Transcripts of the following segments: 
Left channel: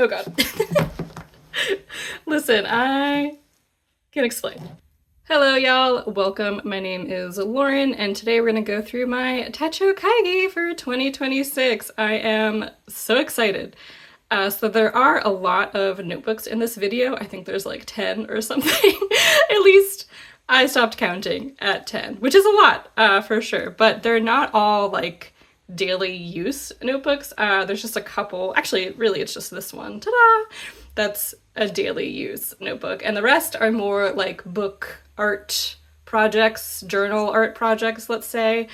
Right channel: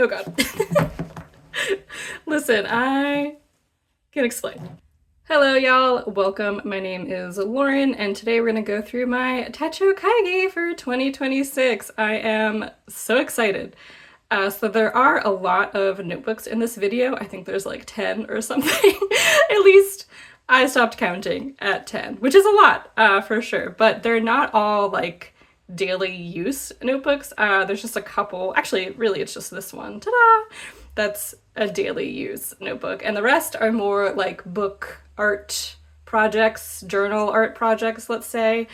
Oh god. Listen, I can explain. Hello y'all, welcome. My name is Lauren and today we're gonna go through my Techo Kaigi for 2026. I am so excited. So there are a lot of notebooks in this video. I think there's like 10 or something. At least I stopped counting at 10, which is a lot for sure, but they're not all like daily use notebooks. There's just a couple, actually really it's just this one, ta-da! That's a daily use notebook, and the rest are more like book art projects, journal art projects, let's say.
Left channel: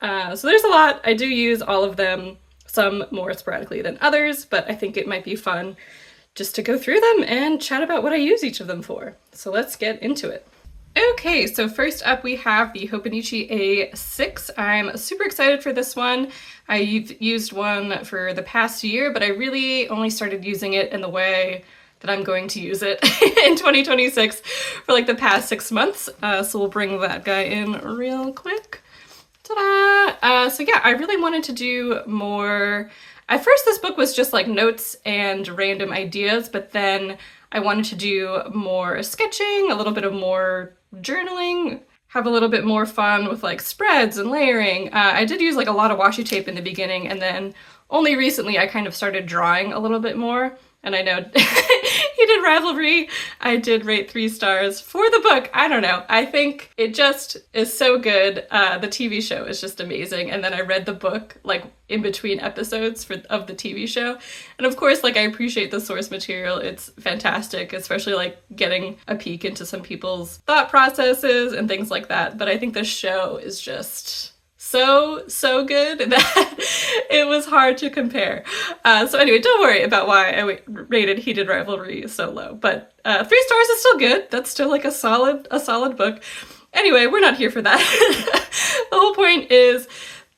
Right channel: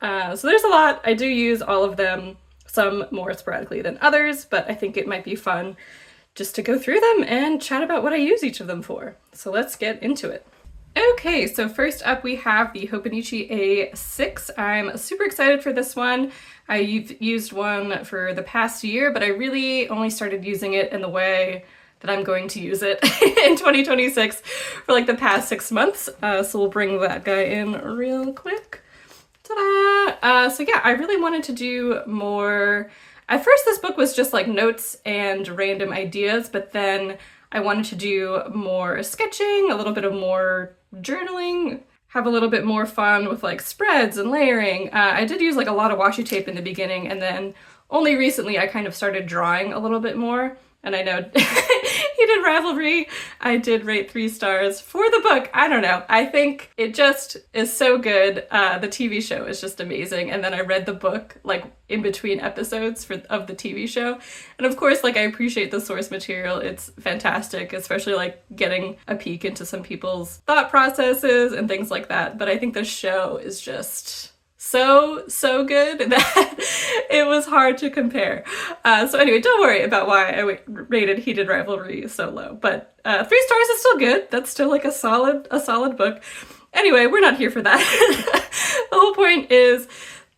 So there's a lot. I do use all of them, some more sporadically than others, but I think it might be fun just to go through them and chat about what I use each of them for. So let's get into it. Okay, so first up we have the Hobonichi A6. I'm super excited for this one. I've used one for the past year, but I really only started using it in the way that I'm going to use it in 2026 for like the past 6 months. So we'll bring that guy in real quick. Ta-da! So yeah, I really wanted to do more. At first this book was just like notes and random ideas, but then I wanted to do more sketching, a little bit of more journaling, have a little bit more fun with like spreads and layering. I did use like a lot of washi tape in the beginning, and then only recently I kind of started drawing a little bit more. And I know Heated Rivalry, I did rate 3 stars for the book. I don't know. I think it just is so good. The TV show is just amazing. And then I read the book like in between episodes of the TV show. And of course, like I appreciate the source material. It's fantastic, especially like getting a peek into some people's thought processes and things like that. But I think the show is just so good that it was hard to compare. So anyway, don't worry about why I rated Heated Rivalry so low, but 3 stars is still good. That's still like a solid book. Anyway, we're not here for that. The whole point is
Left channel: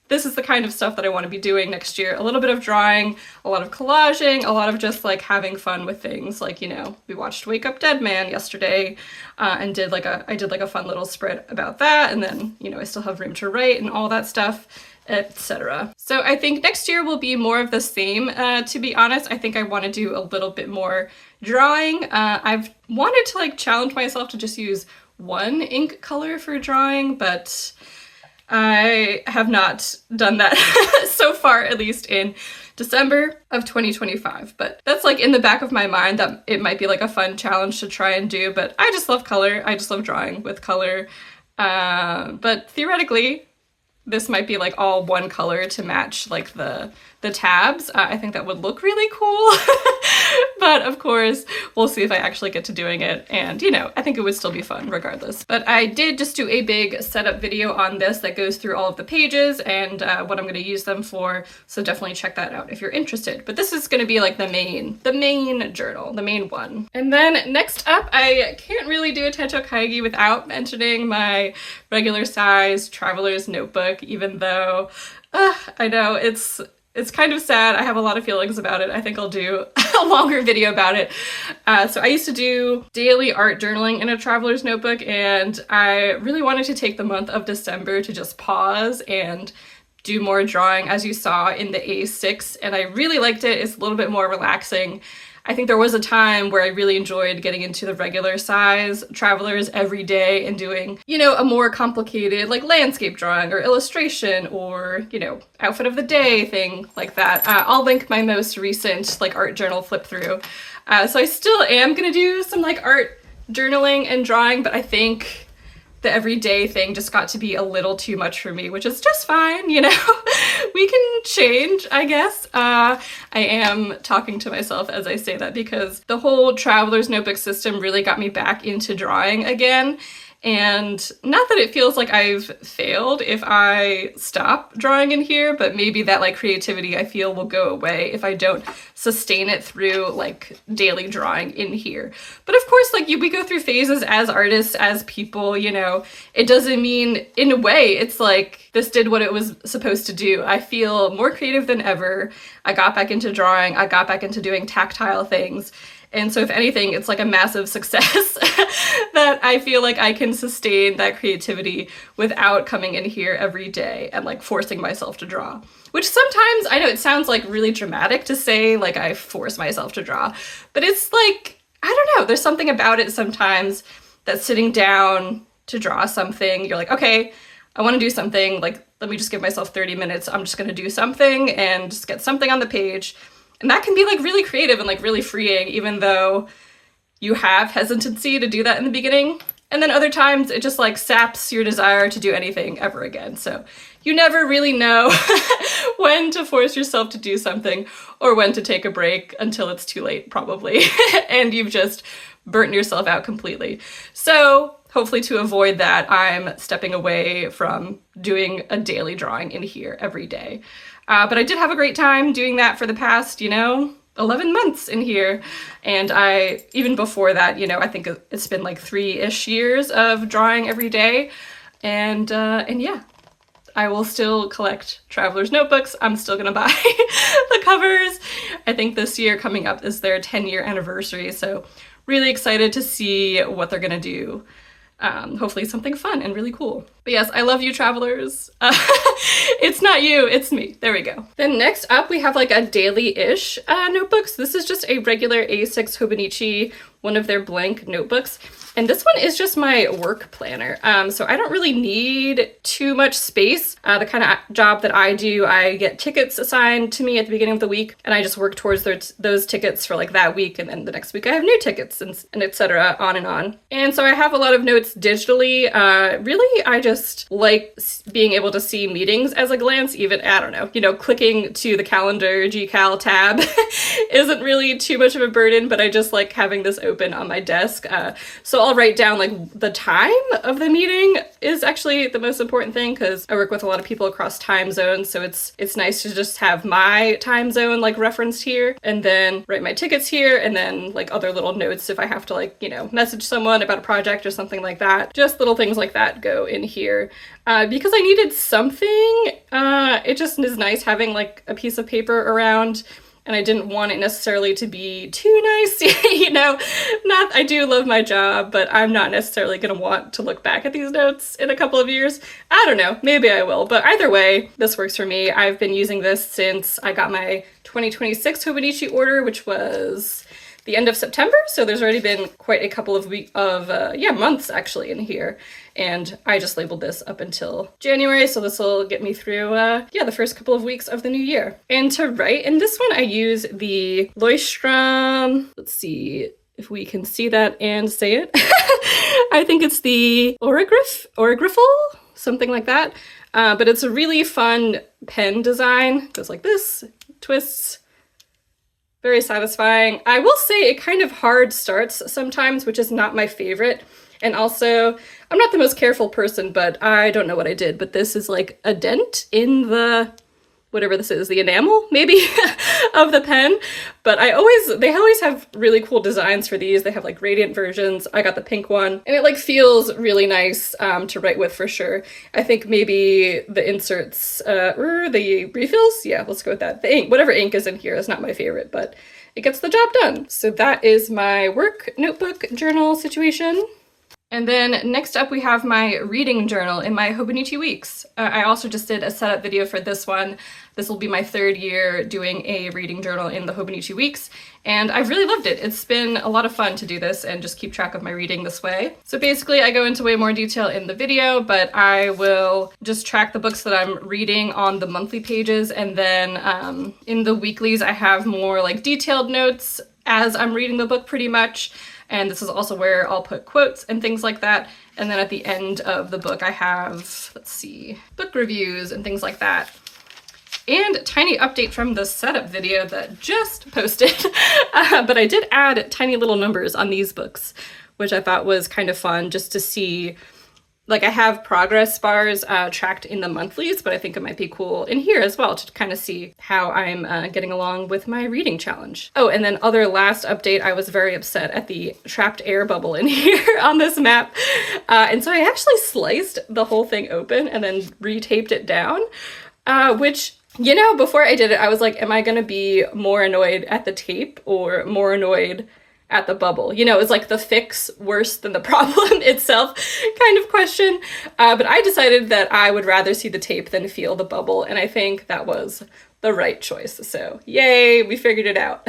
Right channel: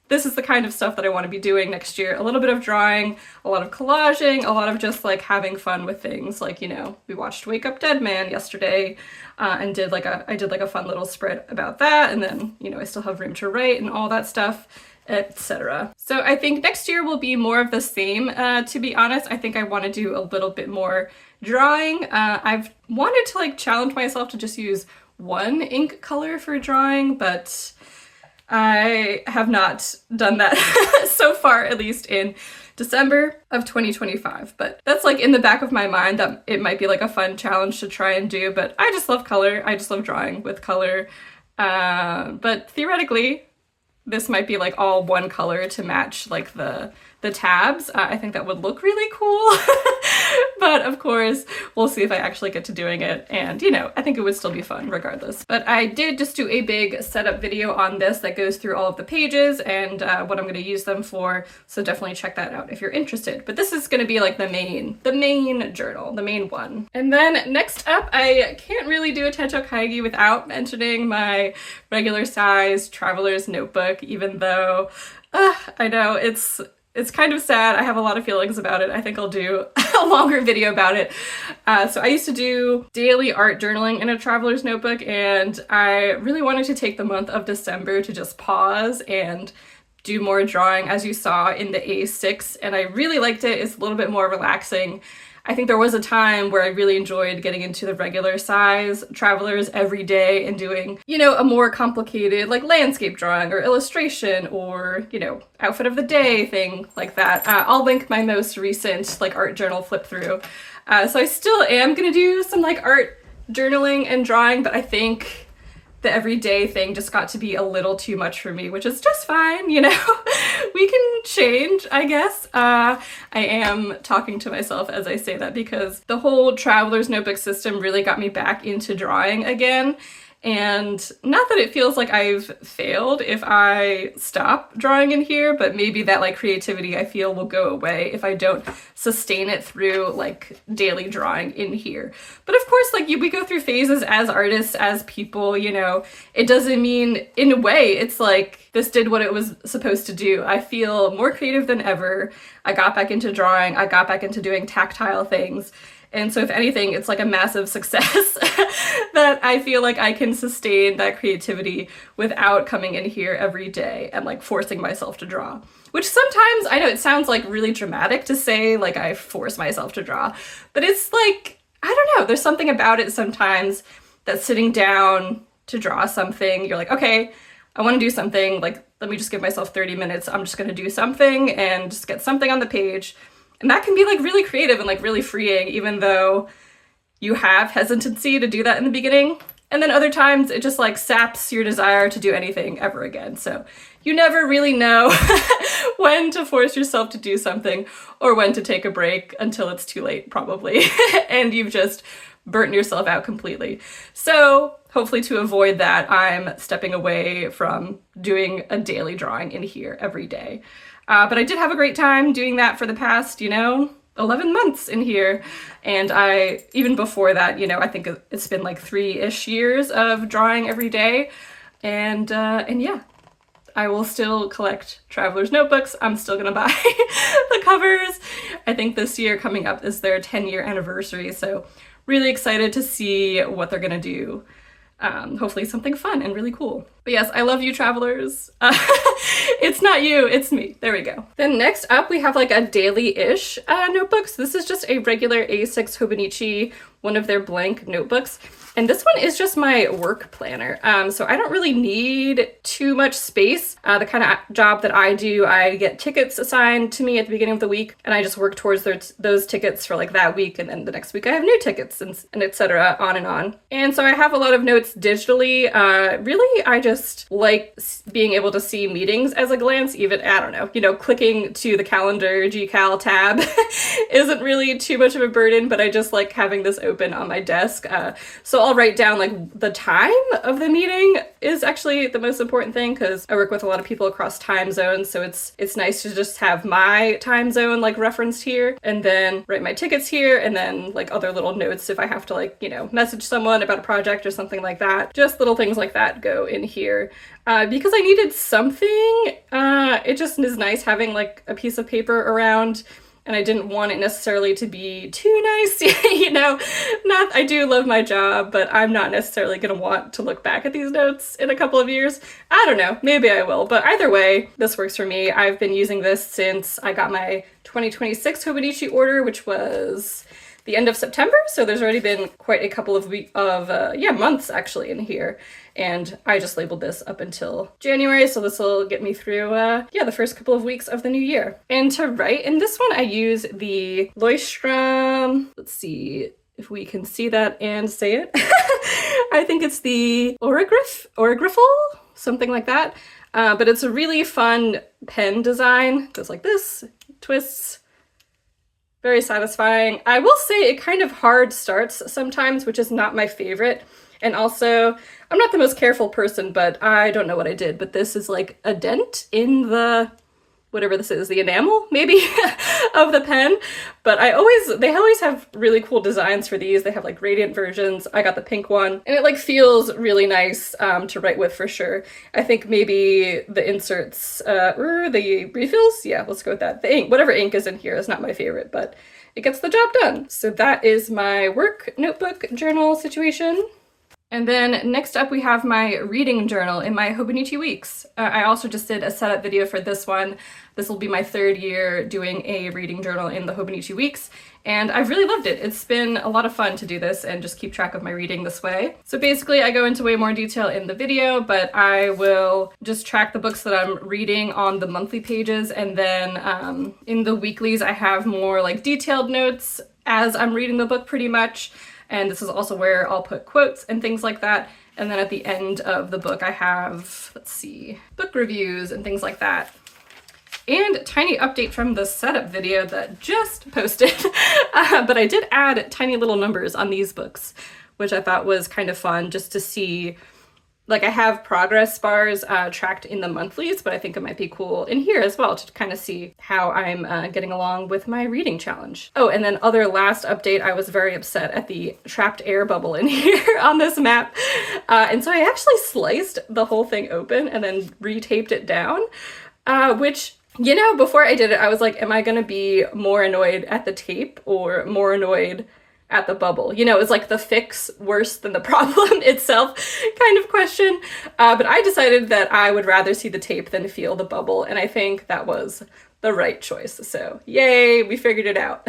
this is the kind of stuff that I want to be doing next year. A little bit of drawing, a lot of collaging, a lot of just like having fun with things. Like, you know, we watched Wake Up Dead Man yesterday and I did like a fun little spread about that. And then, you know, I still have room to write and all that stuff, etc. So I think next year will be more of the same, to be honest. I think I want to do a little bit more drawing. I've wanted to like challenge myself to just use one ink color for drawing, but I have not done that so far, at least in December of 2025. But that's like in the back of my mind that it might be like a fun challenge to try and do. But I just love color. I just love drawing with color. But theoretically, this might be like all one color to match like the tabs. I think that would look really cool. But of course, we'll see if I actually get to doing it. And, you know, I think it would still be fun regardless. But I did just do a big setup video on this that goes through all of the pages and what I'm going to use them for. So definitely check that out if you're interested. But this is going to be like the main journal, the main one. And then next up, I can't really do a Techo Kaigi without mentioning my regular size traveler's notebook, even though I know it's kind of sad. I have a lot of feelings about it. I think I'll do a longer video about it. So I used to do daily art journaling in a traveler's notebook, and I really wanted to take the month of December to just pause and do more drawing, as you saw in the A6, and I really liked it. It's a little bit more relaxing. I think there was a time where I really enjoyed getting into the regular size travelers every day and doing, you know, a more complicated like landscape drawing or illustration or, you know, outfit of the day thing like that. I'll link my most recent like art journal flip through. So I still am gonna do some like art journaling and drawing, but I think the everyday thing just got to be a little too much for me, which is just fine, you know? We can change, I guess. I am talking to myself as I say that because the whole traveler's notebook system really got me back into drawing again. And not that it feels like I've failed if I stop drawing in here, but maybe that like creativity I feel will go away if I don't sustain it through like daily drawing in here. But of course, like we go through phases as artists, as people, you know, it doesn't mean, in a way, it's like this did what it was supposed to do. I feel more creative than ever. I got back into drawing. I got back into doing tactile things. And so if anything, it's like a massive success that I feel like I can sustain that creativity without coming in here every day and like forcing myself to draw. which sometimes, I know it sounds like really dramatic to say like I force myself to draw, but it's like, I don't know, there's something about it sometimes that sitting down to draw something, you're like, okay, I want to do something, like, let me just give myself 30 minutes, I'm just going to do something and just get something on the page. And that can be like really creative and like really freeing, even though you have hesitancy to do that in the beginning. And then other times it just like saps your desire to do anything ever again. So you never really know when to force yourself to do something or when to take a break until it's too late, probably, and you've just burnt yourself out completely. So hopefully to avoid that, I'm stepping away from doing a daily drawing in here every day. But I did have a great time doing that for the past, 11 months in here. And even before that, I think it's been like 3-ish years of drawing every day. And yeah, I will still collect traveler's notebooks. I'm still gonna buy the covers. I think this year coming up is their 10-year anniversary. So really excited to see what they're gonna do. Hopefully something fun and really cool. But yes, I love you, travelers. It's not you, it's me. There we go. Then next up, we have like a daily-ish notebooks. This is just a regular A6 Hobonichi, one of their blank notebooks. And this one is just my work planner. So I don't really need too much space. The kind of job that I do, I get tickets assigned to me at the beginning of the week, and I just work towards those tickets for like that week, and then the next week I have new tickets and etc. on and on. And so I have a lot of notes digitally. Really, I just like being able to see meetings as a glance, even, I don't know, clicking to the calendar GCal tab isn't really too much of a burden, but I just like having this open on my desk. So I'll write down like the time of the meeting is actually the most important thing, because I work with a lot of people across time zones, so it's nice to just have my time zone like referenced here, and then write my tickets here, and then like other little notes if I have to like, message someone about a project or something like that. Just little things like that go in here. Because I needed something, it just is nice having like a piece of paper around. And I didn't want it necessarily to be too nice, I do love my job, but I'm not necessarily gonna want to look back at these notes in a couple of years. I don't know, maybe I will, but either way, this works for me. I've been using this since I got my 2026 Hobonichi order, which was the end of September, so there's already been quite a couple of months actually in here. And I just labeled this up until January, so this will get me through, the first couple of weeks of the new year. And to write, in this one I use the Leuchtturm, let's see if we can see that and say it. I think it's the Origrifel, something like that. But it's a really fun pen design. It goes like this, twists, very satisfying. I will say it kind of hard starts sometimes, which is not my favorite. And also, I'm not the most careful person, but I don't know what I did, but this is like a dent in the, whatever this is, the enamel, maybe, of the pen. But they always have really cool designs for these. They have like radiant versions. I got the pink one, and it like feels really nice to write with for sure. I think maybe the inserts, or the refills, yeah, let's go with that. The ink, whatever ink is in here is not my favorite, but it gets the job done. So that is my work notebook journal situation. And then next up we have my reading journal in my Hobonichi weeks. I also just did a setup video for this one. This will be my 3rd year doing a reading journal in the Hobonichi weeks, and I've really loved it. It's been a lot of fun to do this and just keep track of my reading this way. So basically I go into way more detail in the video, but I will just track the books that I'm reading on the monthly pages, and then in the weeklies I have more like detailed notes as I'm reading the book pretty much. And this is also where I'll put quotes and things like that. And then at the end of the book, I have, let's see, book reviews and things like that. And a tiny update from the setup video that just posted. But I did add tiny little numbers on these books, which I thought was kind of fun just to see. Like, I have progress bars tracked in the monthlies, but I think it might be cool in here as well to kind of see how I'm getting along with my reading challenge. Oh, and then other last update, I was very upset at the trapped air bubble in here on this map. And so I actually sliced the whole thing open and then retaped it down, which, before I did it, I was like, am I gonna be more annoyed at the tape or more annoyed at the bubble. You know, is like the fix worse than the problem itself kind of question. But I decided that I would rather see the tape than feel the bubble, and I think that was the right choice. So yay, we figured it out.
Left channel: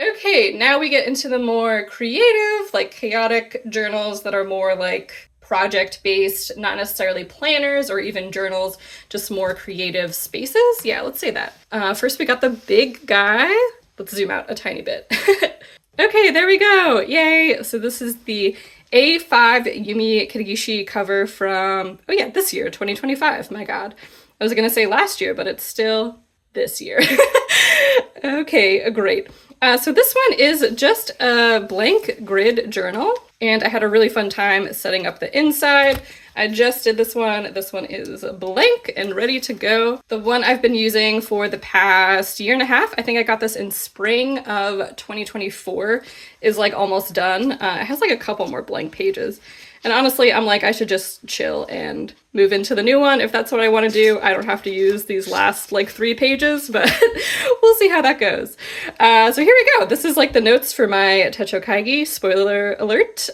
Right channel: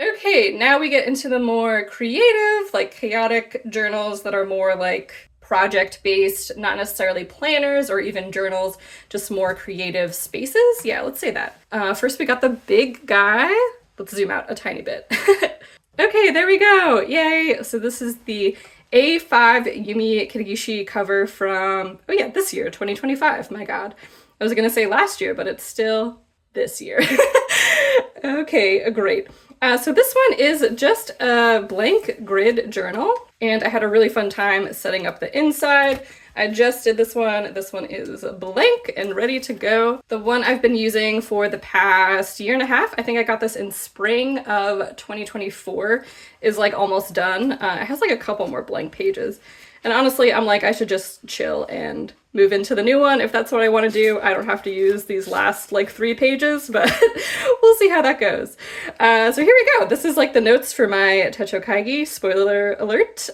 Okay, now we get into the more creative, like chaotic journals that are more like project-based, not necessarily planners or even journals, just more creative spaces. Yeah, let's say that. First we got the big guy. Let's zoom out a tiny bit. Okay, there we go. Yay. So this is the A5 Yumi Kitagishi cover from, oh yeah, this year, 2025. My God. I was gonna say last year, but it's still this year. Okay, great. So this one is just a blank grid journal, and I had a really fun time setting up the inside. I just did this one. This one is blank and ready to go. The one I've been using for the past year and a half, I think I got this in spring of 2024, is like almost done. It has like a couple more blank pages. And honestly, I'm like, I should just chill and move into the new one if that's what I want to do. I don't have to use these last like 3 pages, but we'll see how that goes. So here we go. This is like the notes for my Techo Kaigi, spoiler alert.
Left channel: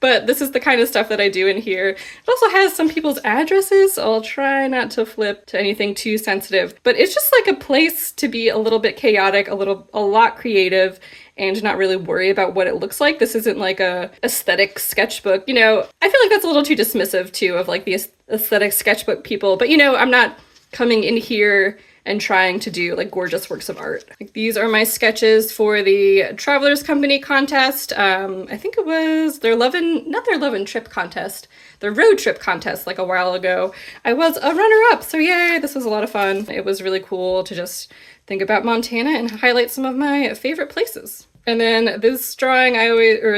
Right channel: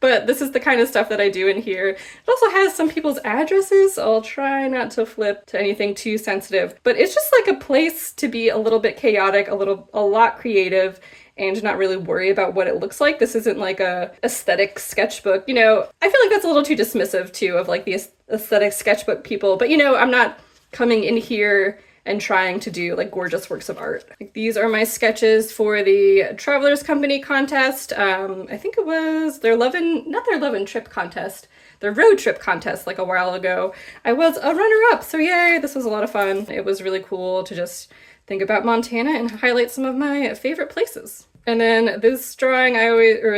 But this is the kind of stuff that I do in here. It also has some people's addresses, so I'll try not to flip to anything too sensitive. But it's just like a place to be a little bit chaotic, a lot creative, and not really worry about what it looks like. This isn't like a aesthetic sketchbook. You know, I feel like that's a little too dismissive too of like the aesthetic sketchbook people, but you know, I'm not coming in here and trying to do like gorgeous works of art. Like, these are my sketches for the Travelers Company contest. I think it was their not their Love and Trip contest, their road trip contest like a while ago. I was a runner-up, so yay, this was a lot of fun. It was really cool to just think about Montana and highlight some of my favorite places. And then this drawing,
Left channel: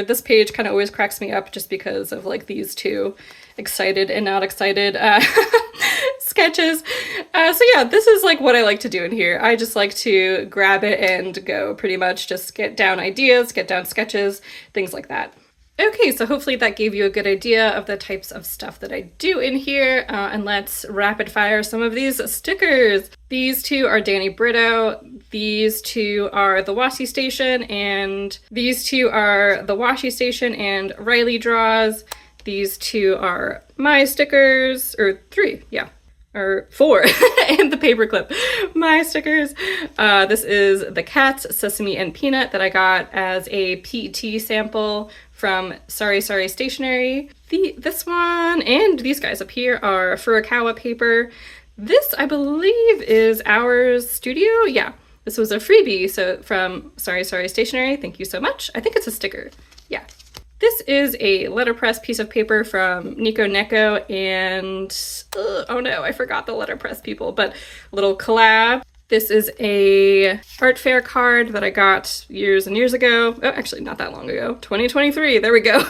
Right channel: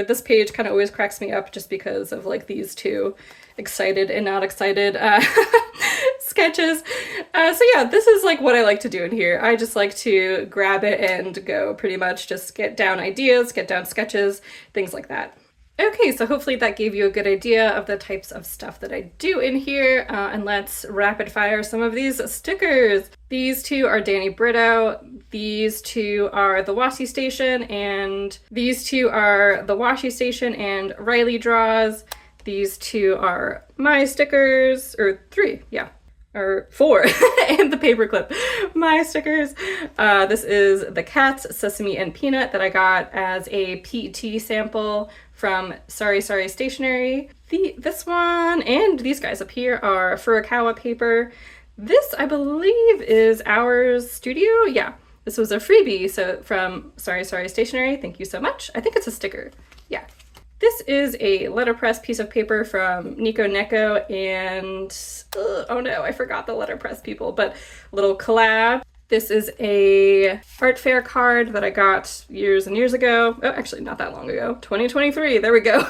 this page kind of always cracks me up just because of like these two excited and not excited sketches. So yeah, this is like what I like to do in here. I just like to grab it and go, pretty much just get down ideas, get down sketches, things like that. Okay, so hopefully that gave you a good idea of the types of stuff that I do in here, and let's rapid fire some of these stickers. These two are Danny Brito, these two are the Washi Station, and these two are the Washi Station and Riley Draws. These two are my stickers, or 3, yeah. Or 4, and the paperclip. My stickers. This is the Cats, Sesame, and Peanut that I got as a PET sample from Sorry Sorry Stationery. This one and these guys up here are Furukawa paper. This, I believe, is Ours Studio. Yeah, this was a freebie, so from Sorry Sorry Stationery. Thank you so much. I think it's a sticker. Yeah. This is a letterpress piece of paper from Nico Neko and, oh no, I forgot the letterpress people, but little collab. This is a art fair card that I got years and years ago. Oh, actually not that long ago. 2023, there we go.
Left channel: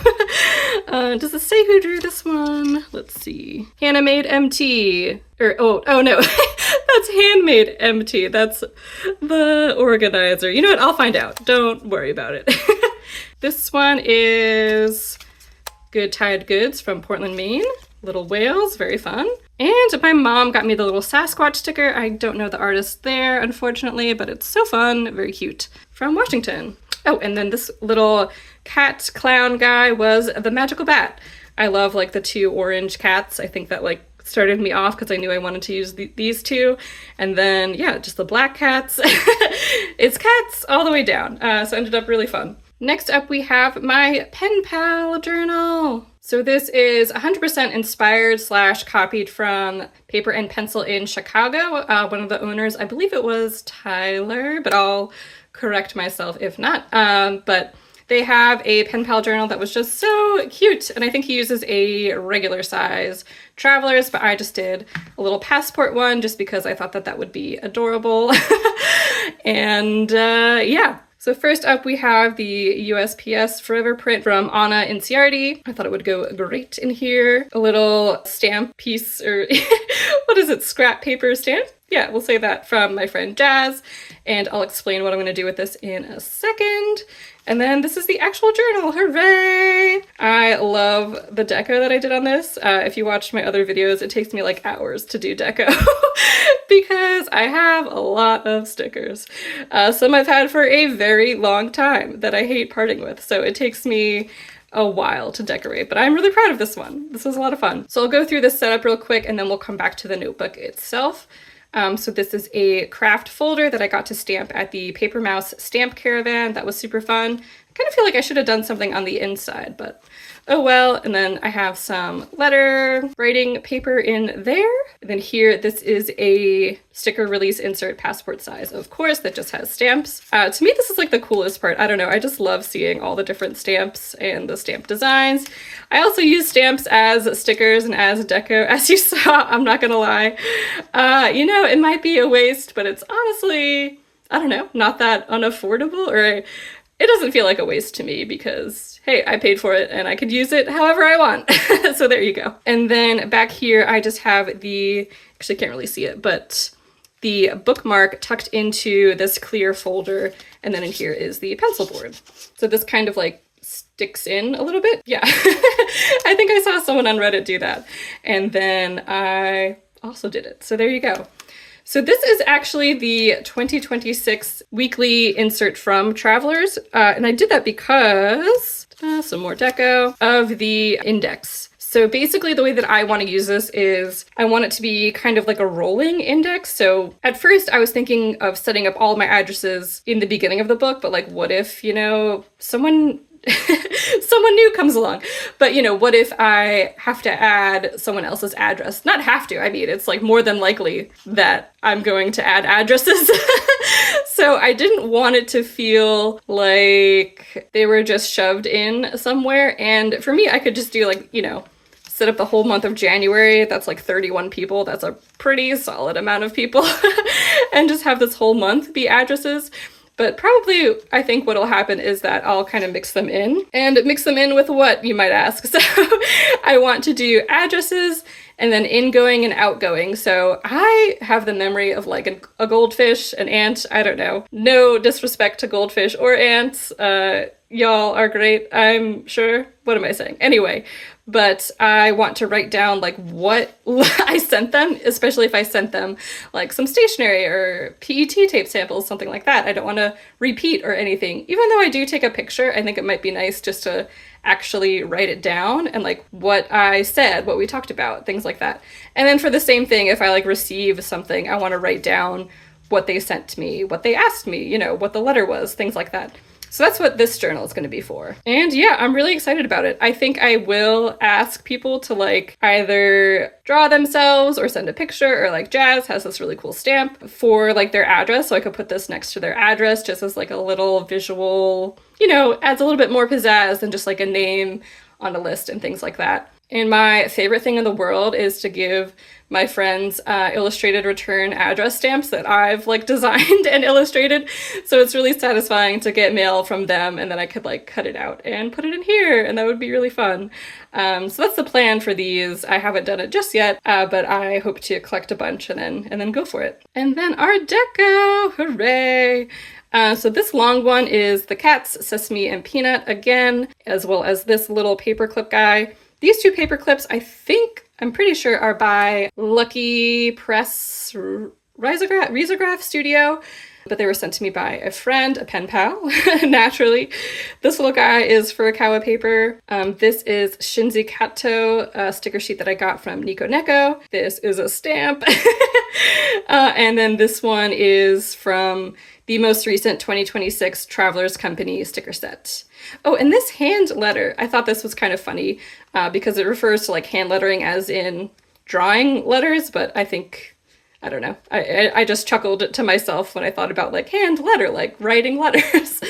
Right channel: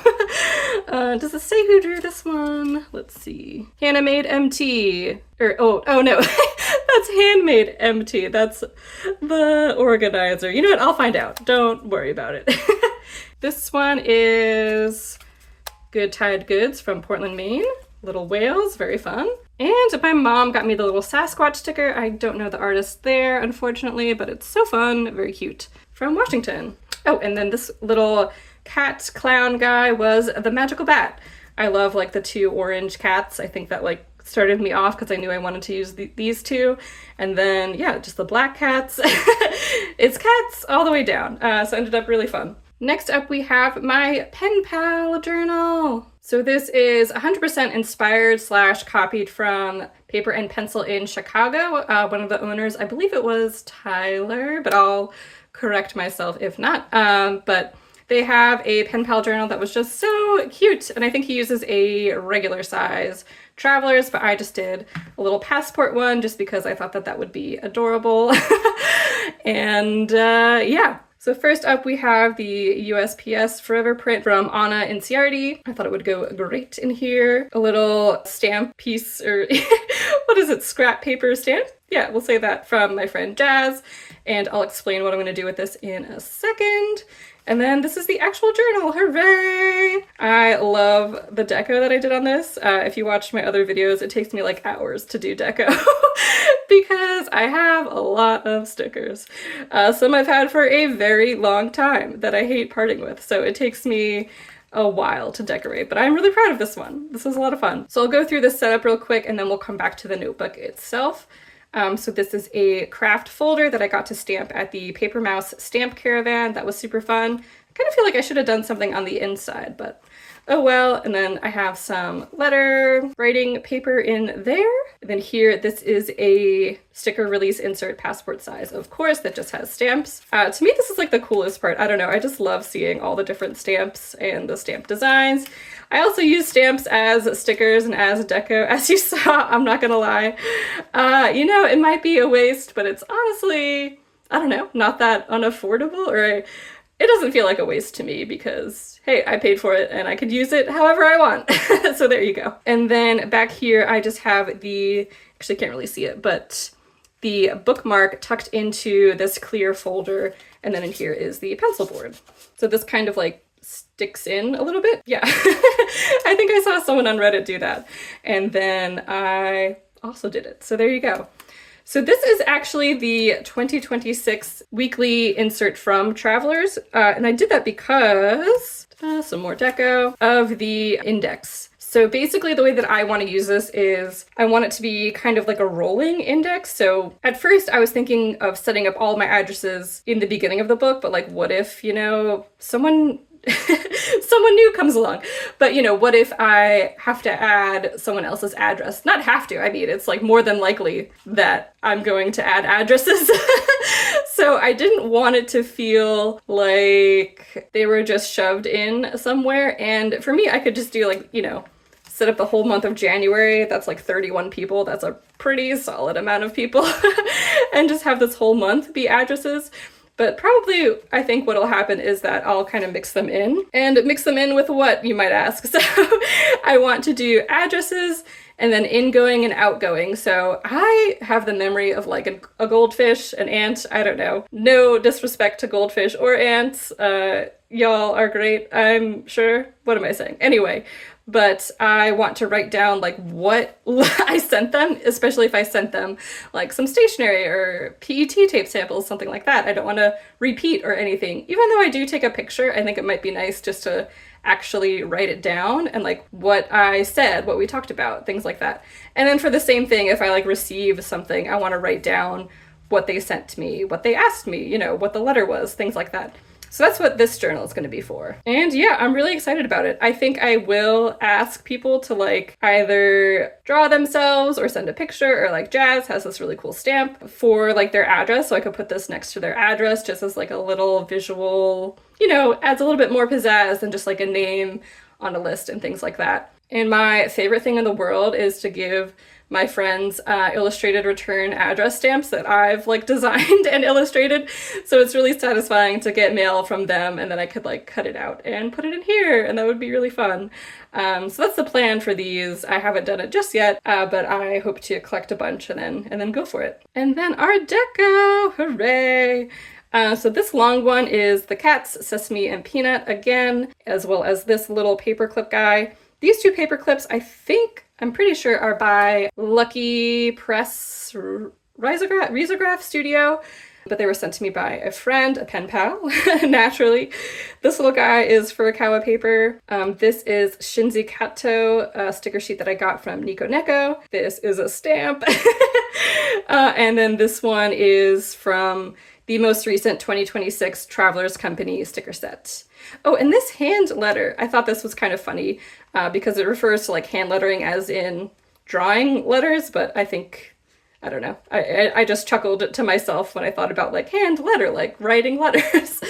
Does it say who drew this one? Let's see. Handmade MT. Oh no, that's Handmade MT. That's the organizer. You know what, I'll find out. Don't worry about it. This one is Good Tide Goods from Portland, Maine. Little whales, very fun. And my mom got me the little Sasquatch sticker. I don't know the artist there, unfortunately, but it's so fun, very cute. From Washington. Oh, and then this little cat clown guy was the Magical Bat. I love like the 2 orange cats. I think that like started me off because I knew I wanted to use these 2. And then, yeah, just the black cats. It's cats all the way down. So it ended up really fun. Next up, we have my pen pal journal. So this is 100% inspired / copied from Paper and Pencil in Chicago. One of the owners, I believe it was Tyler, but I'll correct myself if not. But they have a pen pal journal that was just so cute. And I think he uses a regular size Travelers, but I just did a little passport one just because I thought that that would be adorable. And yeah. So first up, we have the USPS Forever print from Anna Inciardi. I thought it would go great in here. A little stamp piece, or what is it, scrap paper stamp? Yeah, we'll say that, from my friend Jazz. And I'll explain what I'm going to do with this in a second. And then this is the actual journal, hooray! I love the deco that I did on this. If you watched my other videos, it takes me like hours to do deco. because I have a lot of stickers. Some I've had for a very long time that I hate parting with, so it takes me a while to decorate, but I'm really proud of this one. This was a lot of fun. So I'll go through this setup real quick and then we'll come back to the notebook itself. So this is a craft folder that I got to stamp at the Paper Mouse Stamp Caravan. That was super fun. I kind of feel like I should have done something on the inside, but oh well. And then I have some letter writing paper in there. And then here, this is a sticker release insert passport size, of course, that just has stamps. To me, this is like the coolest part. I don't know, I just love seeing all the different stamps and the stamp designs. I also use stamps as stickers and as deco, as you saw, I'm not gonna lie. You know, it might be a waste, but it's honestly, I don't know, not that unaffordable, or it doesn't feel like a waste to me because, hey, I paid for it and I could use it however I want. So there you go. And then back here, I just have the, actually can't really see it, but the bookmark tucked into this clear folder. And then in here is the pencil board. So this kind of like sticks in a little bit. Yeah, I think I saw someone on Reddit do that. And then I also did it. So there you go. So this is actually the 2026 weekly insert from Travelers. And I did that because, some more deco, of the index. So basically the way that I want to use this is I want it to be kind of like a rolling index. So at first I was thinking of setting up all my addresses in the beginning of the book, but like what if, you know, someone new comes along. But you know, what if I have to add someone else's address? Not have to, I mean, it's like more than likely that I'm going to add addresses. So I didn't want it to feel like they were just shoved in somewhere. And for me, I could just do like, you know, set up the whole month of January. That's like 31 people. That's a pretty solid amount of people. And just have this whole month be addresses. But probably, I think what'll happen is that I'll kind of mix them in. And mix them in with what, you might ask? So I want to do addresses and then ingoing and outgoing. So I have the memory of like a goldfish, an ant, I don't know. No disrespect to goldfish or ants. Y'all are great, I'm sure. What am I saying? Anyway. But I want to write down like what I sent them, especially if I sent them like some stationery or PET tape samples, something like that. I don't want to repeat or anything. Even though I do take a picture, I think it might be nice just to actually write it down and like what I said, what we talked about, things like that. And then for the same thing, if I like receive something, I want to write down what they sent to me, what they asked me, you know, what the letter was, things like that. So that's what this journal is going to be for. And yeah, I'm really excited about it. I think I will ask people to like either draw themselves or send a picture, or like Jazz has this really cool stamp for like their address. So I could put this next to their address just as like a little visual, you know, adds a little bit more pizzazz than just like a name on a list and things like that. And my favorite thing in the world is to give my friends illustrated return address stamps that I've like designed and illustrated. So it's really satisfying to get mail from them and then I could like cut it out and put it in here, and that would be really fun. So that's the plan for these. I haven't done it just yet, but I hope to collect a bunch and then go for it. And then our deco, hooray! So this long one is the cats, Sesame and Peanut again, as well as this little paperclip guy. These two paper clips, I'm pretty sure are by Lucky Press Risograph Studio, but they were sent to me by a friend, a pen pal, naturally. This little guy is Furukawa paper. This is Shinzi Kato, a sticker sheet that I got from Nico Neko. This is a stamp. And then this one is from the most recent 2026 Travelers Company sticker set. Oh, and this hand letter, I thought this was kind of funny because it refers to like hand lettering as in drawing letters, but I think, I don't know, I just chuckled to myself when I thought about like hand letter, like writing letters.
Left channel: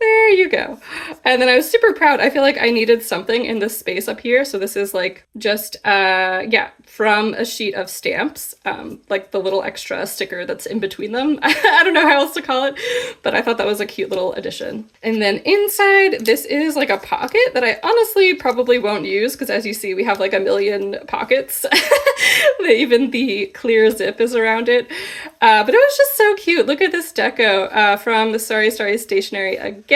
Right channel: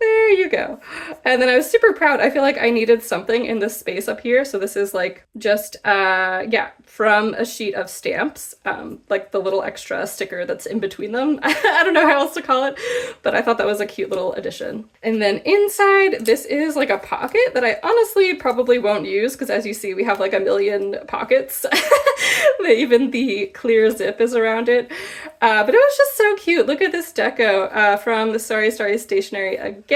There you go. And then I was super proud. I feel like I needed something in this space up here. So this is like just, yeah, from a sheet of stamps, like the little extra sticker that's in between them. I don't know how else to call it, but I thought that was a cute little addition. And then inside, this is like a pocket that I honestly probably won't use because as you see, we have like a million pockets. Even the clear zip is around it. But it was just so cute. Look at this deco from the Sorry Story Stationery again.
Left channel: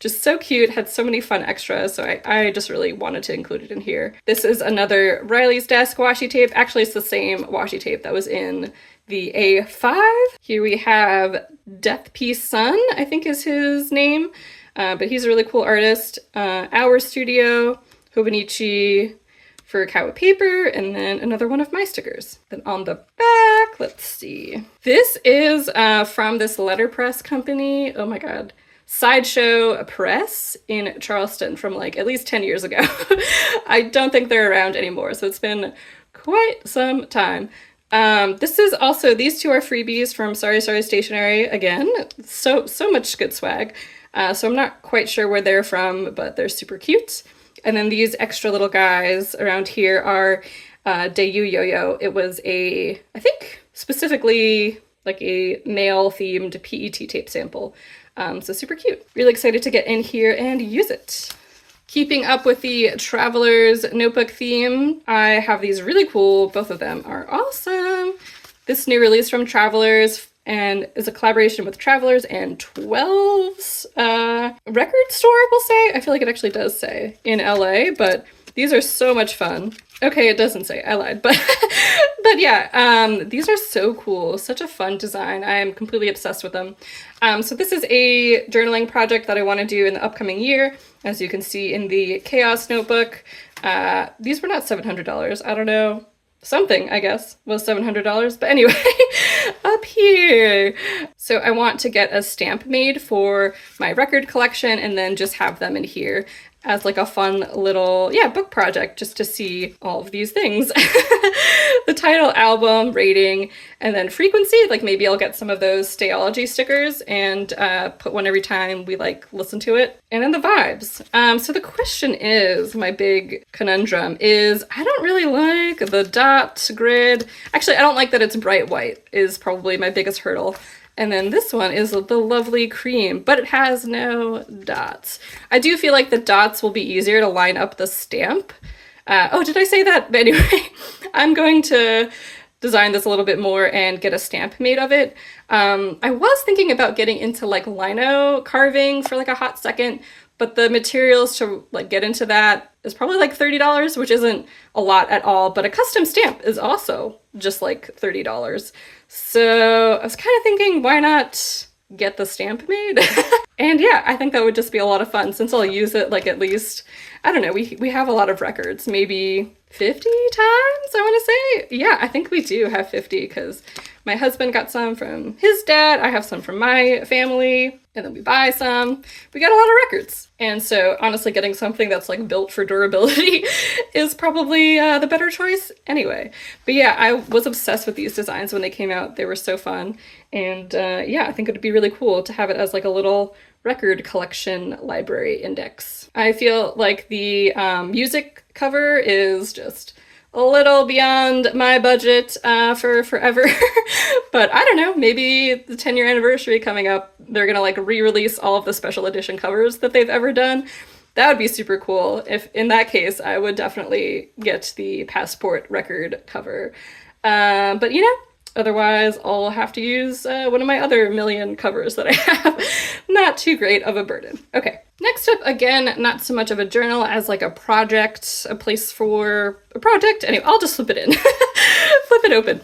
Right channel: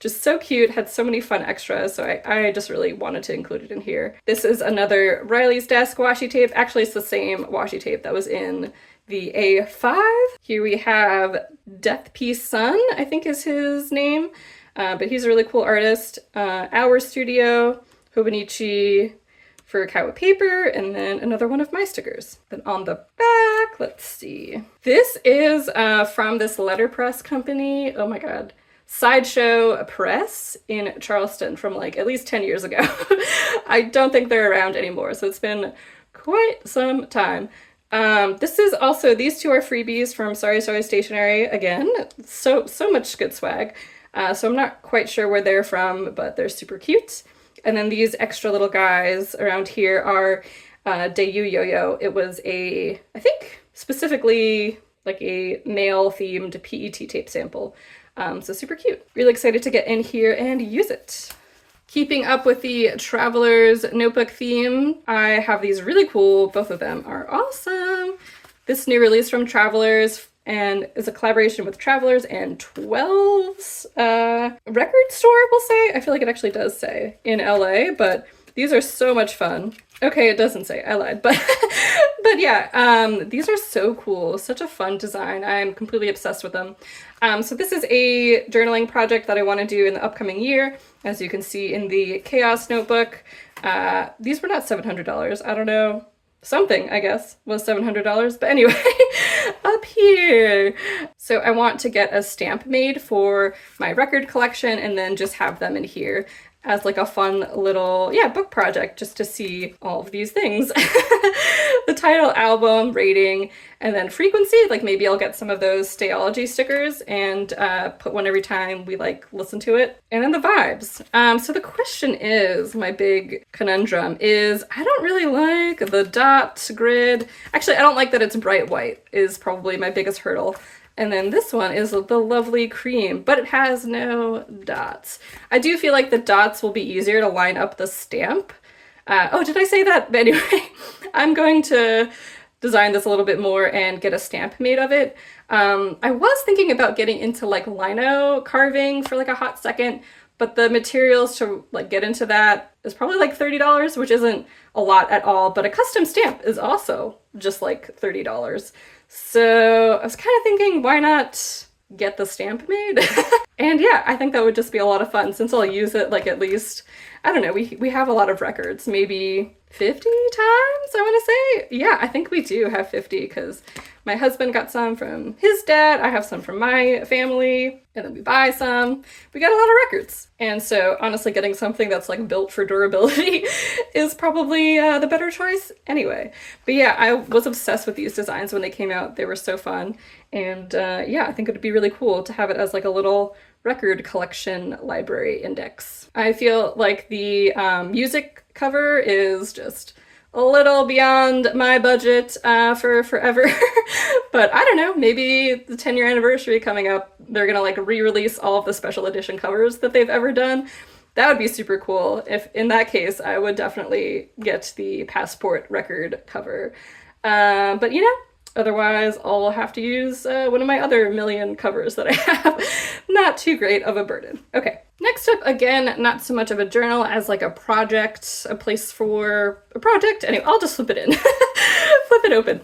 Just so cute, had so many fun extras, so I just really wanted to include it in here. This is another Riley's Desk washi tape. Actually, it's the same washi tape that was in the A5. Here we have Death Piece Sun, I think is his name, but he's a really cool artist. Our Studio, Hobonichi for Kawa paper, and then another one of my stickers. Then on the back, let's see. This is from this letterpress company. Oh my god. Sideshow Press in Charleston from like at least 10 years ago. I don't think they're around anymore, so it's been quite some time. This is also, these two are freebies from Sorry Sorry Stationery again. So much good swag. So I'm not quite sure where they're from, but they're super cute. And then these extra little guys around here are Dayu Yo-Yo. It was I think specifically like a male themed PET tape sample. So super cute. Really excited to get in here and use it. Keeping up with the Traveler's Notebook theme, I have these really cool, both of them are awesome. This new release from Travelers and is a collaboration with Travelers and 12's record store, we'll say. I feel like it actually does say in LA, but these are so much fun. Okay, it doesn't say, I lied, but but yeah, these are so cool. Such a fun design. I am completely obsessed with them. So this is a journaling project that I want to do in the upcoming year. As you can see in the Chaos Notebook, these were not $700. I don't know, something, I guess, was $700. But anyway, up here. So I want to get a stamp made for my record collection and then just have them in here as like a fun little, book project just to see all of these things. The title, album, rating, and then frequency, like maybe I'll get some of those Stayology stickers and put one every time we like listen to it. And then the vibes. So the question is, my big conundrum is, I don't really like the dot grid. Actually, I don't like that it's bright white is probably my biggest hurdle. And then this one is the lovely cream, but it has no dots. I do feel like the dots will be easier to line up the stamp. Oh, did I say that? But anyway, I'm going to design this a little bit more and get a stamp made of it. I was thinking about getting into like lino carving for like a hot second, but the materials to like get into that is probably like $30, which isn't a lot at all, but a custom stamp is also just like $30. So I was kind of thinking, why not get the stamp made? And yeah, I think that would just be a lot of fun since I'll use it like at least, I don't know, we have a lot of records, maybe 50 times, I want to say. Yeah, I think we do have 50 because my husband got some from his dad, I have some from my family, and then we buy some. We got a lot of records. And so honestly, getting something that's like built for durability is probably the better choice anyway. But yeah, I was obsessed with these designs when they came out. They were so fun. And yeah, I think it would be really cool to have it as like a little record collection library index. I feel like the music cover is just a little beyond my budget for forever. But I don't know, maybe the 10-year anniversary coming up, they're gonna like re-release all of the special edition covers that they've ever done. That would be super cool. If in that case, I would definitely get the Passport record cover. But you know, otherwise I'll have to use one of my other million covers that I have. Not too great of a burden. Okay, next up, again, not so much of a journal as like a project, a place for a project. Anyway, I'll just flip it in. Flip it open.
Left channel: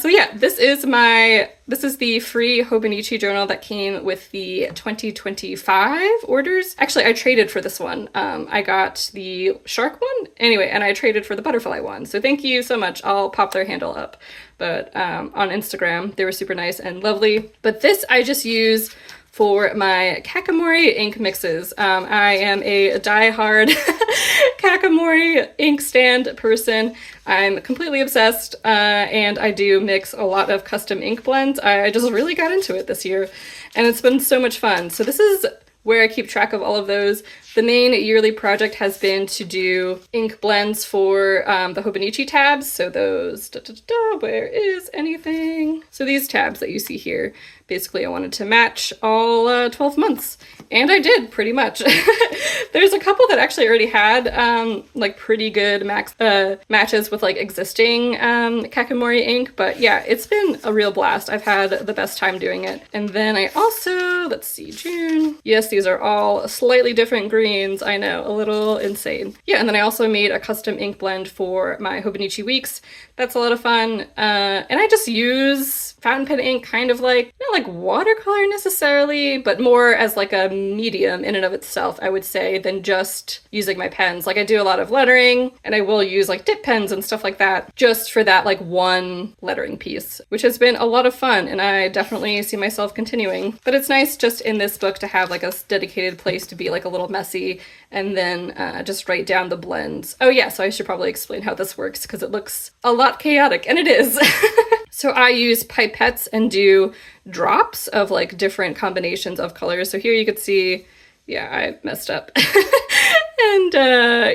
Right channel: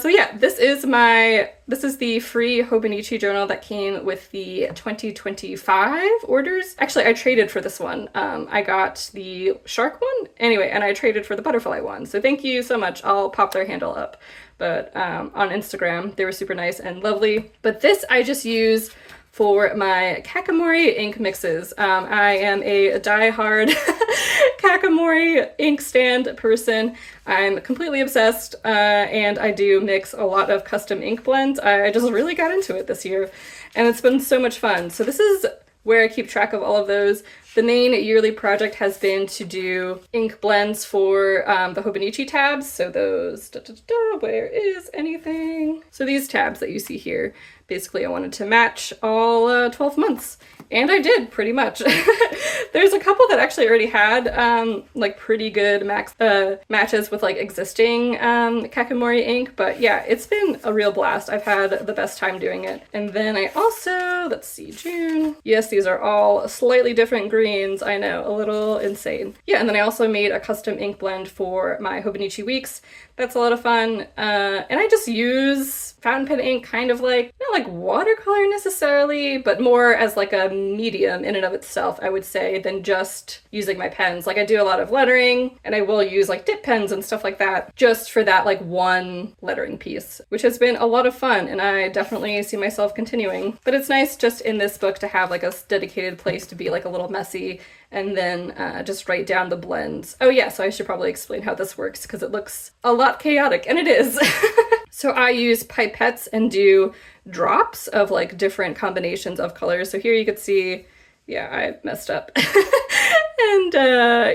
So yeah, this is the free Hobonichi journal that came with the 2025 orders. Actually, I traded for this one. I got the shark one anyway, and I traded for the butterfly one. So thank you so much. I'll pop their handle up. But on Instagram, they were super nice and lovely. But this I just use for my Kakamori ink mixes. I am a die-hard Kakamori ink stand person. I'm completely obsessed, and I do mix a lot of custom ink blends. I just really got into it this year, and it's been so much fun. So this is where I keep track of all of those. The main yearly project has been to do ink blends for the Hobonichi tabs. So those, where is anything? So these tabs that you see here, basically I wanted to match all 12 months. And I did, pretty much. There's a couple that actually already had like pretty good matches with like existing Kakamori ink, but yeah, it's been a real blast. I've had the best time doing it. And then I also, let's see, June. Yes, these are all slightly different greens. I know, a little insane. Yeah, and then I also made a custom ink blend for my Hobonichi weeks That's a lot of fun. And I just use fountain pen ink kind of like, not like watercolor necessarily, but more as like a medium in and of itself, I would say, than just using my pens. Like I do a lot of lettering, and I will use like dip pens and stuff like that just for that like one lettering piece, which has been a lot of fun, and I definitely see myself continuing. But it's nice just in this book to have like a dedicated place to be like a little messy and then just write down the blends. Oh yeah, so I should probably explain how this works because it looks a lot chaotic, and it is. So I use pipettes and do drops of like different combinations of colors. So here you could see, yeah, I messed up. And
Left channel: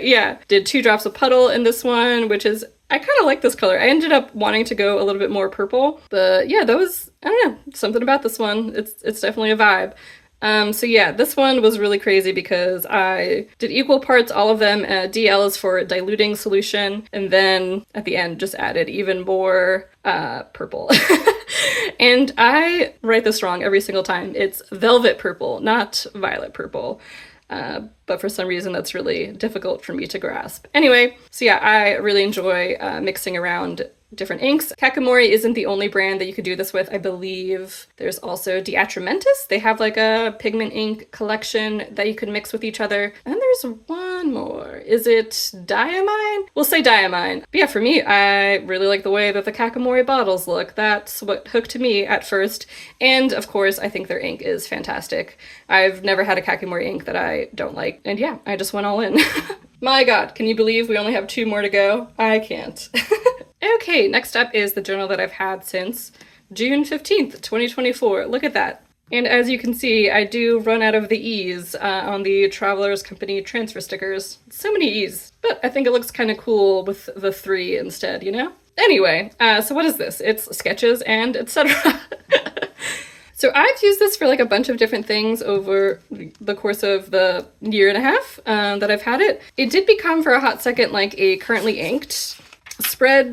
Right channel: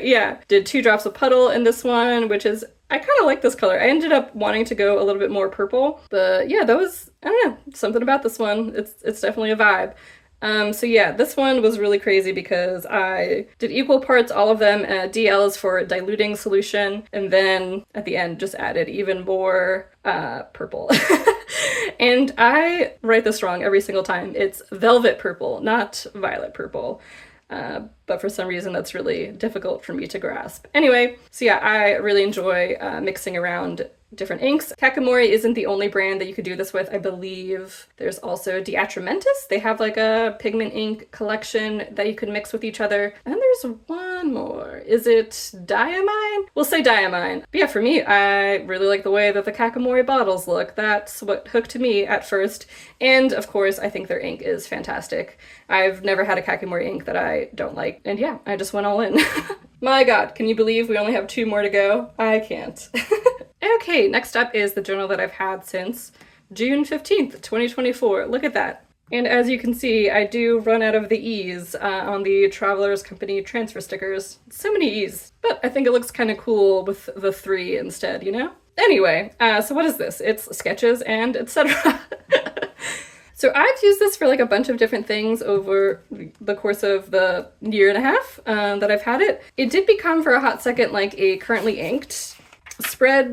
yeah, did 2 drops of puddle in this one, which is, I kind of like this color. I ended up wanting to go a little bit more purple, but yeah, that was, I don't know, something about this one. It's definitely a vibe. So yeah, this one was really crazy because I did equal parts, all of them. DL is for diluting solution, and then at the end just added even more purple. And I write this wrong every single time. It's velvet purple, not violet purple. But for some reason that's really difficult for me to grasp. Anyway, so yeah, I really enjoy mixing around different inks. Kakamori isn't the only brand that you could do this with. I believe there's also Diatramentis. They have like a pigment ink collection that you can mix with each other. And there's one more. Is it Diamine? We'll say Diamine. But yeah, for me, I really like the way that the Kakamori bottles look. That's what hooked me at first. And of course, I think their ink is fantastic. I've never had a Kakamori ink that I don't like. And yeah, I just went all in. My God, can you believe we only have 2 more to go? I can't. Okay, next up is the journal that I've had since June 15th, 2024. Look at that. And as you can see, I do run out of the E's on the Travelers Company transfer stickers. So many E's, but I think it looks kind of cool with the 3 instead, you know? Anyway, so what is this? It's sketches and etc. So I've used this for like a bunch of different things over the course of the year and a half that I've had it. It did become for a hot second like a currently inked spread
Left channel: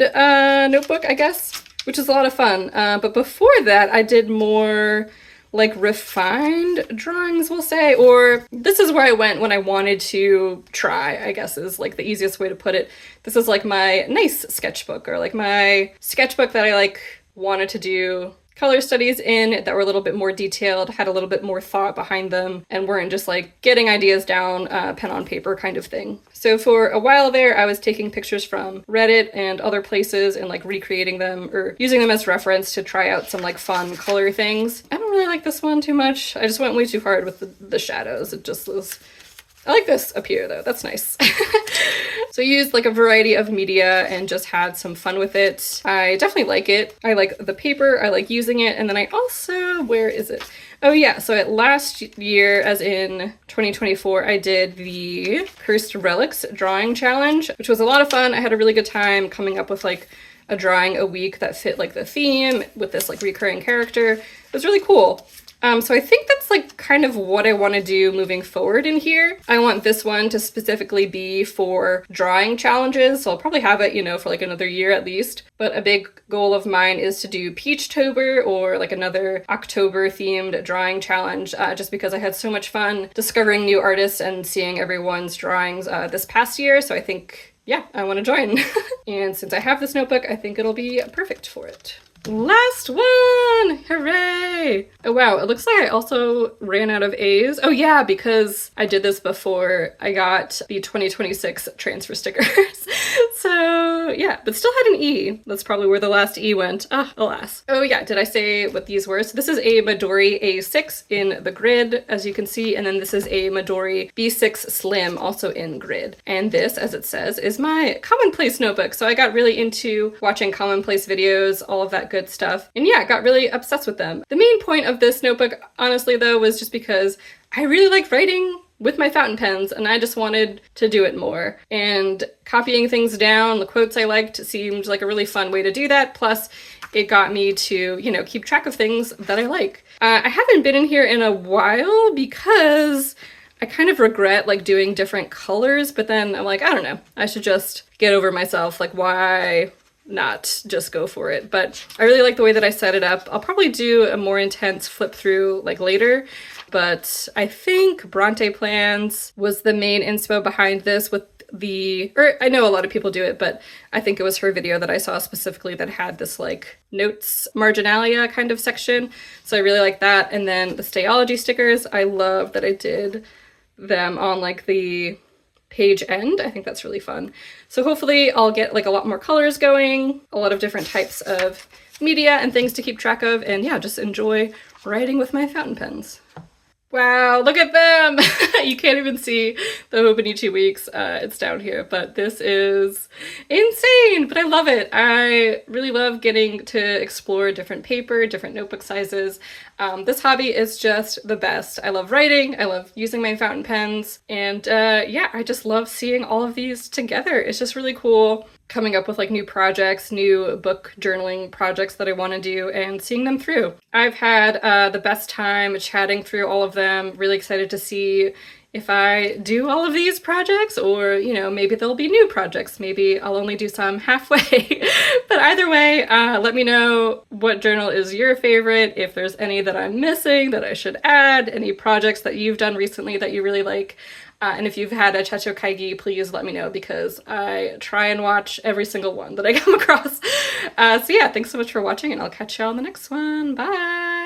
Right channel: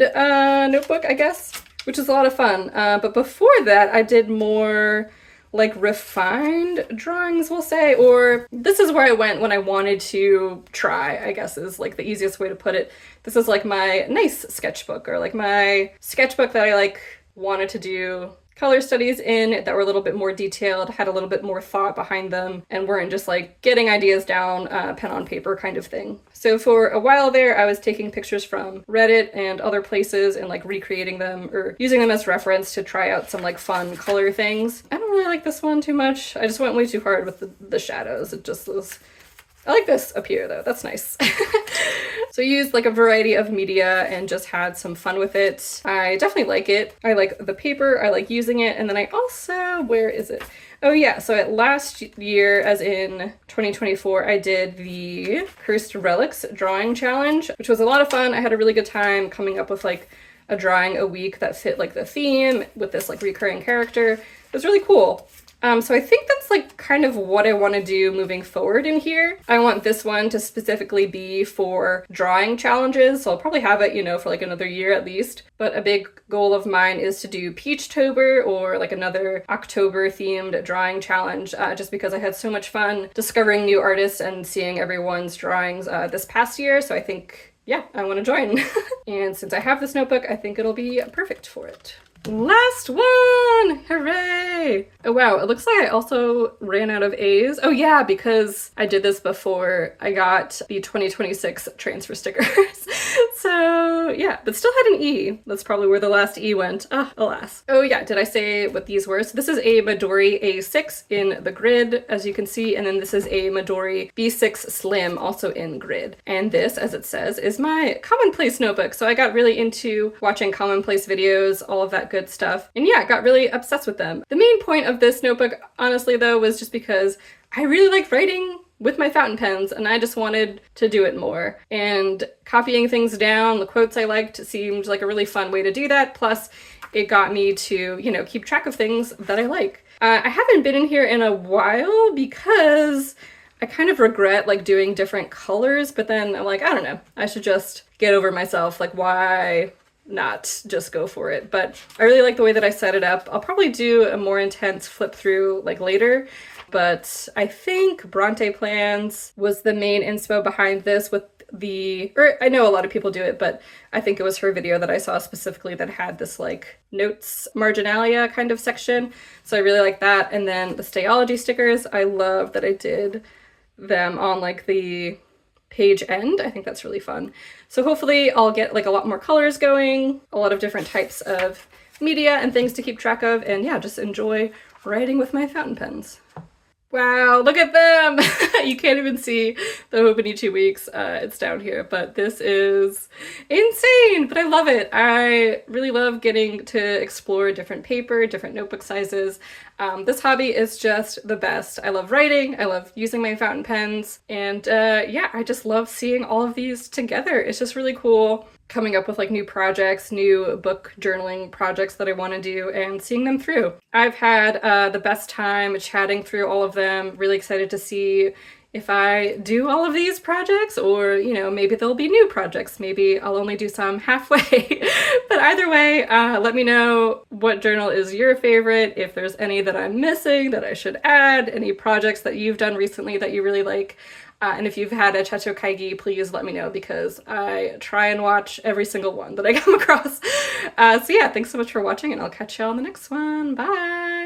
notebook, I guess, which is a lot of fun. But before that, I did more like refined drawings, we'll say, or this is where I went when I wanted to try, I guess is like the easiest way to put it. This is like my nice sketchbook, or like my sketchbook that I like wanted to do color studies in, that were a little bit more detailed, had a little bit more thought behind them, and weren't just like getting ideas down pen on paper kind of thing. So for a while there, I was taking pictures from Reddit and other places and like recreating them or using them as reference to try out some like fun color things. I don't really like this one too much. I just went way too hard with the shadows. It just was, I like this up here though, that's nice. So I used like a variety of media and just had some fun with it. I definitely like it. I like the paper, I like using it, and then I also, where is it? Oh yeah, so last year, as in 2024, I did the Cursed Relics drawing challenge, which was a lot of fun. I had a really good time coming up with like a drawing a week that fit like the theme with this like recurring character. It was really cool. So I think that's like kind of what I want to do moving forward in here. I want this one to specifically be for drawing challenges, so I'll probably have it, you know, for like another year at least. But a big goal of mine is to do Peachtober or like another October themed drawing challenge, just because I had so much fun discovering new artists and seeing everyone's drawings this past year. So I think, yeah, I want to join. And since I have this notebook, I think it'll be perfect for it. Last one! Hooray! Oh wow, it looks like I also ran out of A's. Oh yeah, because I did this before I got the 2026 transfer stickers. So yeah, but still had an E. That's probably where the last E went. Ah, alas. Oh yeah, did I say what these were? So this is a Midori A6 in the grid, as you can see, and then this is a Midori B6 Slim, also in grid. And this, as it says, is my Commonplace notebook. So I got really into watching Commonplace videos, all of that good stuff. And yeah, got really obsessed with them. The main point of this notebook, honestly though, was just because I really like writing with my fountain pens and I just wanted to do it more. And copying things down, the quotes I liked, seemed like a really fun way to do that. Plus, it got me to, you know, keep track of things that I like. I haven't been in here in a while because I kind of regret like doing different colors, but then I'm like, I don't know, I should just get over myself. Like, why not just go for it? But I really like the way that I set it up. I'll probably do a more intense flip through like later, but I think Bronte Plans was the main inspo behind this, with or I know a lot of people do it, but I think it was her video that I saw specifically that had this like notes marginalia kind of section. So I really like that. And then the Stayology stickers, I love that I did them on like the page end. I think that's really fun. So hopefully I'll get like a lot more colors going, a lot of different types of media and things to keep track of, and yeah, just enjoy writing with my fountain pens. Wow, look at them! You can't even see the Hobonichi weeks, it's down here, but this is insane, but I love it. I really love getting to explore different paper, different notebook sizes. This hobby is just the best. I love writing, I love using my fountain pens, and yeah, I just love seeing all of these together. It's just really cool coming up with like new projects, new book journaling projects that I want to do and seeing them through. I've had the best time chatting through all of them, really excited to see if I do all of these projects or, you know, maybe there'll be new projects. Maybe I'll only do some halfway. But either way, let me know what journal is your favorite, if there's any that I'm missing that I should add, any projects that you've done recently that you really like. And if you've had a Techo Kaigi, please let me know because I try and watch every single one that I come across. So yeah, thanks so much for watching and I'll catch y'all in the next one. Bye!